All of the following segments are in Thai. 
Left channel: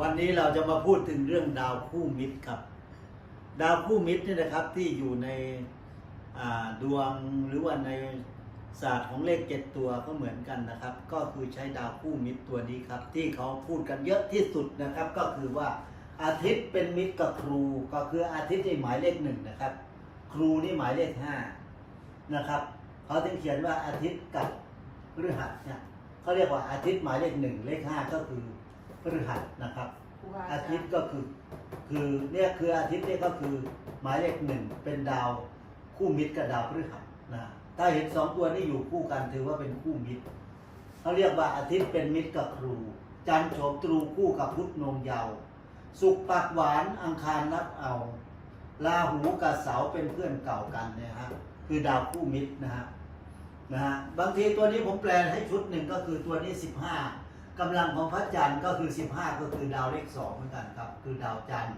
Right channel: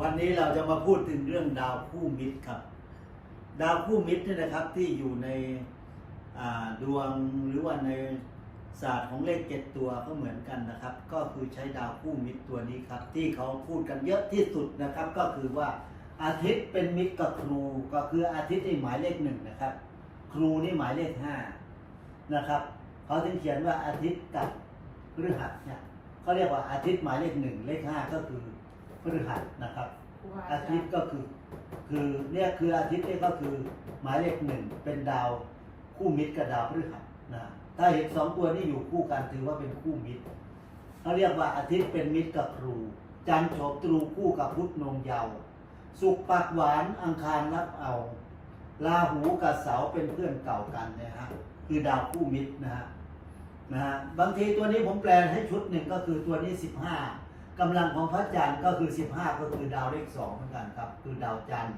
วันนี้เราจะมาพูดถึงเรื่องดาวคู่มิตรครับ ดาวคู่มิตรนี่นะครับที่อยู่ในดวงหรือว่าในศาสตร์ของเลขเจ็ดตัวก็เหมือนกันนะครับ ก็คือใช้ดาวคู่มิตรตัวนี้ครับ ที่เขาพูดกันเยอะที่สุดนะครับ ก็คือว่าอาทิตย์เป็นมิตรกับครู ก็คืออาทิตย์นี่หมายเลขหนึ่งนะครับ ครูนี่หมายเลขห้านะครับเขาถึงเขียนว่าอาทิตย์กับพฤหัสเนี่ยเขาเรียกว่าอาทิตย์หมายเลขหนึ่งเลขห้าก็คือ พฤหัสนะครับ อาทิตย์ก็คือคือเนี่ยคืออาทิตย์เนี่ยก็คือหมายเลขหนึ่งเป็นดาวคู่มิตรกับดาวพฤหัสนะถ้าเห็นสองตัวนี้อยู่คู่กันถือว่าเป็นคู่มิตรเขาเรียกว่าอาทิตย์เป็นมิตรกับครู จันทร์โฉมตรูคู่กับพุธนงเยาวสุกร์ปากหวานอังคารนับเอาลาหูกับเสาเป็นเพื่อนเก่ากันเนยฮะคือดาวคู่มิตรนะฮะนะฮะบางทีตัวนี้ผมแปลให้ชุดหนึ่งก็คือตัวนี้สิบห้า กำลังของพระจันทร์ก็คือ 15 ก็คือดาวเลขสองเหมือนกันครับ คือดาวจันทร์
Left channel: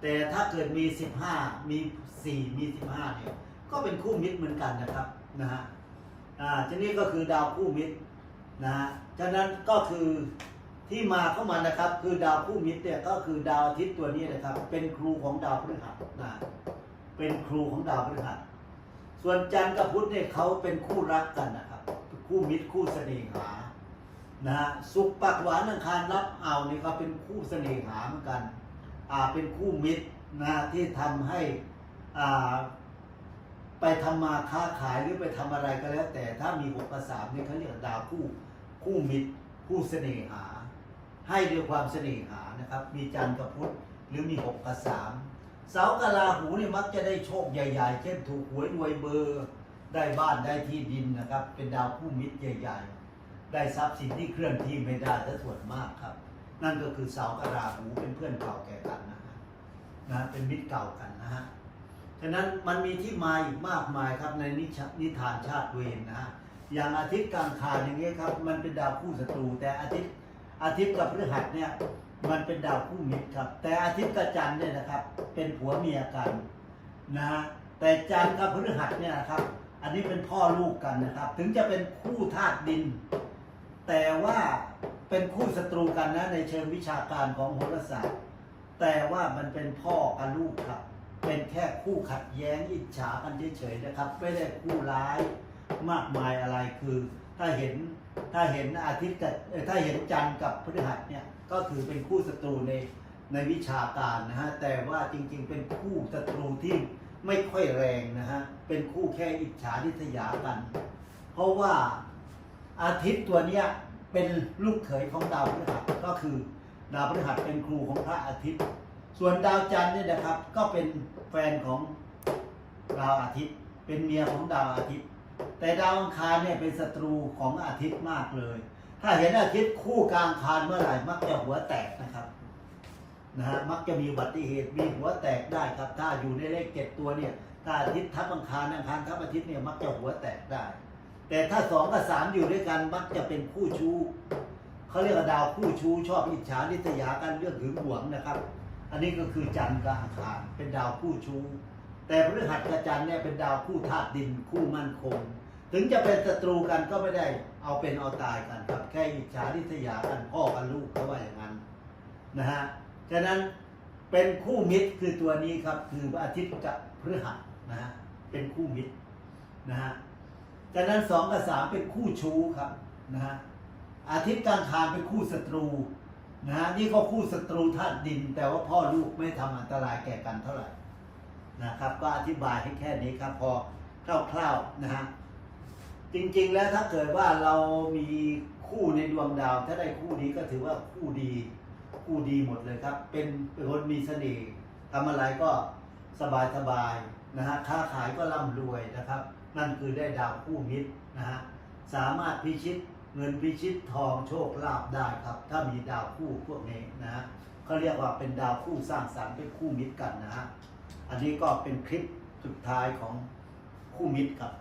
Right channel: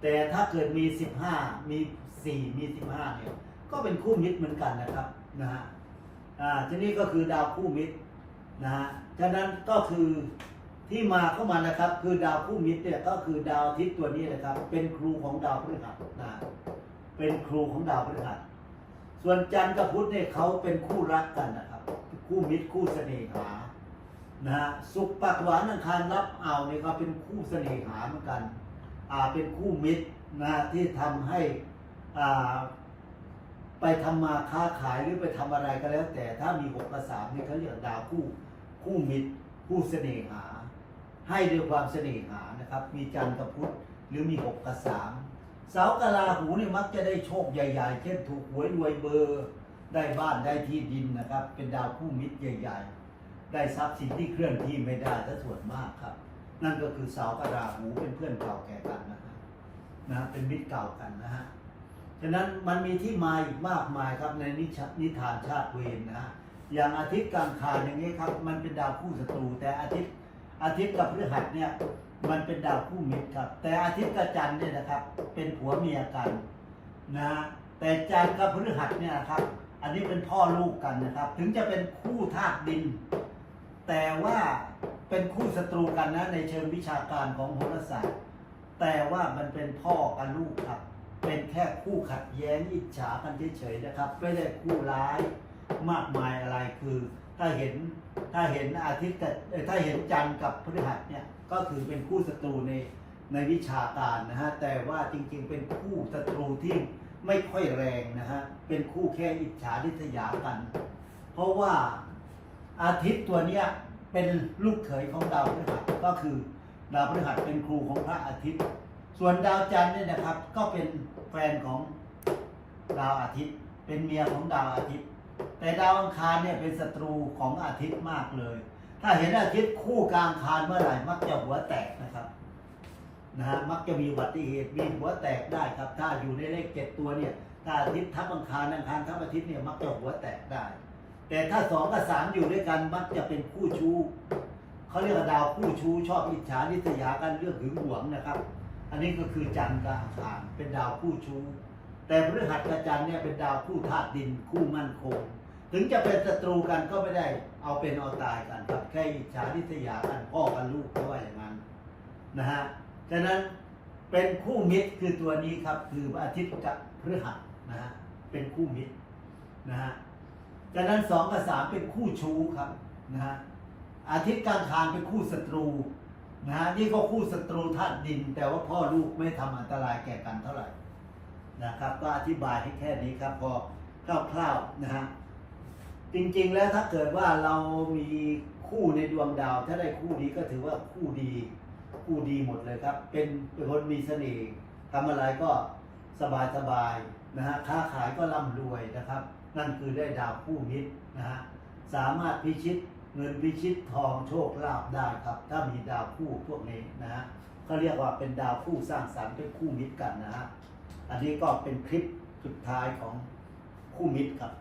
แต่ถ้าเกิดมี 15 มี 4 มี 15เนี่ยก็เป็นคู่มิตรเหมือนกันนะครับนะฮะอ่าทีนี้ก็คือดาวคู่มิตรนะฮะฉะนั้นก็คือที่มาเข้ามานะครับ คือดาวคู่มิตรเนี่ยก็คือดาวอาทิตย์ตัวนี้นะครับ เป็นครูของดาวพฤหัสนะเป็นครูของดาวพฤหัสส่วนจันทร์กับพุธเนี่ยเขาเป็นคู่รักกันนะครับ คู่มิตรคู่เสน่หา นะฮะสุขปักหวานอังคารรับเอาเนี่ยก็เป็นคู่เสน่หาเหมือนกันอ่าเป็นคู่มิตรนะที่ทำให้อ่าไปทำมาค้าขายหรือไปทำอะไรก็แล้ว แต่ถ้ามีหกกับสามเนี่ยเขาเรียกดาวคู่คู่มิตรคู่เสน่หา ให้ด้วยความเสน่หานะครับ มีจันทร์กับพุธหรือมีหกกับสามเสาร์กับราหูเนี่ยมักจะได้โชคใหญ่ ๆ เช่นถูกหวยรวยเบอร์ได้บ้านได้ที่ดินนะครับ เป็นดาวคู่มิตรใหญ่ ๆ ได้ทรัพย์สินที่เคลื่อนที่ไม่ได้ถ้าส่วนมากครับ นั่นก็คือเสากับราหูเป็นเพื่อนเก่าแก่กันนะฮะนะเป็นมิตรเก่ากันนะฮะฉะนั้นมันมีที่มาอีกมากมายครับในนิชนิทานชาติเวรนะฮะอย่างอาทิตย์กลางคานอย่างนี้ครับ มันเป็นดาวคู่ศัตรู แต่อาทิตย์อาทิตย์กับพฤหัสเนี่ยมันเป็นดาวคู่มิตรครับ แต่อาทิตย์กับจันทร์เนี่ยนะครับ เป็นผัวเมียกันนะแต่จันทร์กับพฤหัสเนี่ยนะครับ อันนี้เป็นพ่อลูกกันนะครับ ถึงจะเป็นคู่ธาตุดิน แต่ว่าเป็นคู่ศัตรูกันนะในเชิงวิชาการของโหราศาสตร์ แต่ว่ามันเป็นพ่อกับลูกครับ เป็นแค่คู่ขัดแย้งอิจฉากันเฉยๆนะครับ ไม่ได้คู่ร้ายมากมายอะไรคือ ถ้าเห็นถ้าเห็นอาทิตย์กับถ้าเห็นจันทร์กับพฤหัสเนี่ยก็คือเป็นคู่ศัตรูในในวิชาการนะฮะแต่ว่าจริงๆ เป็นคู่ศัตรูที่ไม่ค่อยแรงนะฮะเป็นคู่แค่อิจฉาริษยากัน เพราะว่า อาทิตย์ตัวเนี้ยเป็นลูกเขยของดาวพฤหัสก็คือดาวพฤหัสเป็นครูของพระอาทิตย์ ส่วนดาวจันทร์เนี่ยนะครับ ก็เป็นแฟนของดาวอาทิตย์ เป็นเมียของดาวอาทิตย์ แต่ดาวอังคารเนี่ยเป็นศัตรูของอาทิตย์มากเลย ถ้าเห็นอาทิตย์คู่กลางคารเมื่อไหร่มักจะหัวแตกนะครับนะฮะมักจะมีอุบัติเหตุมีหัวแตกได้ครับ ถ้าอยู่ในเลขเจ็ดตัวเนี่ยถ้าอาทิตย์ทับอังคารอังคารทับอาทิตย์เนี่ยมักจะหัวแตกได้ แต่ถ้าสองกับสามอยู่ด้วยกันมักจะเป็นคู่ชู้เขาเรียกว่าดาวคู่ชู้ชอบอิจฉาริษยากันเรื่องหึงหวงนะครับ อันนี้ก็คือจันทร์กับอังคารเป็นดาวคู่ชู้แต่พฤหัสกับจันทร์เนี่ยเป็นดาวคู่ธาตุดินคู่มั่นคง ถึงจะเป็นศัตรูกันก็ไม่ได้เอาเป็นเอาตายกันครับแค่อิจฉาริษยากันพ่อกันลูกเขาว่าอย่างนั้นนะฮะฉะนั้นเป็นคู่มิตรคือตัวนี้ครับ คืออาทิตย์กับพฤหัสนะฮะเป็นคู่มิตรนะฮะ จากนั้นสองกับสามเป็นคู่ชู้ครับนะฮะอาทิตย์กลางคานเป็นคู่ศัตรูนะฮะนี่ก็คู่ศัตรูธาตุดิน แต่ว่าพ่อลูกไม่ทำอันตรายแก่กันเท่าไหร่นะครับ ก็อธิบายให้แค่นี้ครับ พอคร่าวๆนะฮะจริงๆแล้วถ้าเกิดว่าเรามีคู่ในดวงดาว ถ้าได้คู่นี้ก็ถือว่าคู่ดีคู่ดีหมดเลยครับ เป็นคนมีเสน่ห์ทำอะไรก็สบายสบาย นะฮะค้าขายก็ร่ำรวยนะครับ นั่นคือได้ดาวคู่มิตรนะฮะสามารถพิชิตเงินพิชิตทองโชคลาภได้ครับ ถ้ามีดาวคู่พวกนี้นะฮะเขาเรียกว่าเป็นดาวคู่สร้างสรรค์เป็นคู่มิตรกันนะฮะอันนี้ก็เป็นคลิปสุดท้ายของคู่มิตรครับ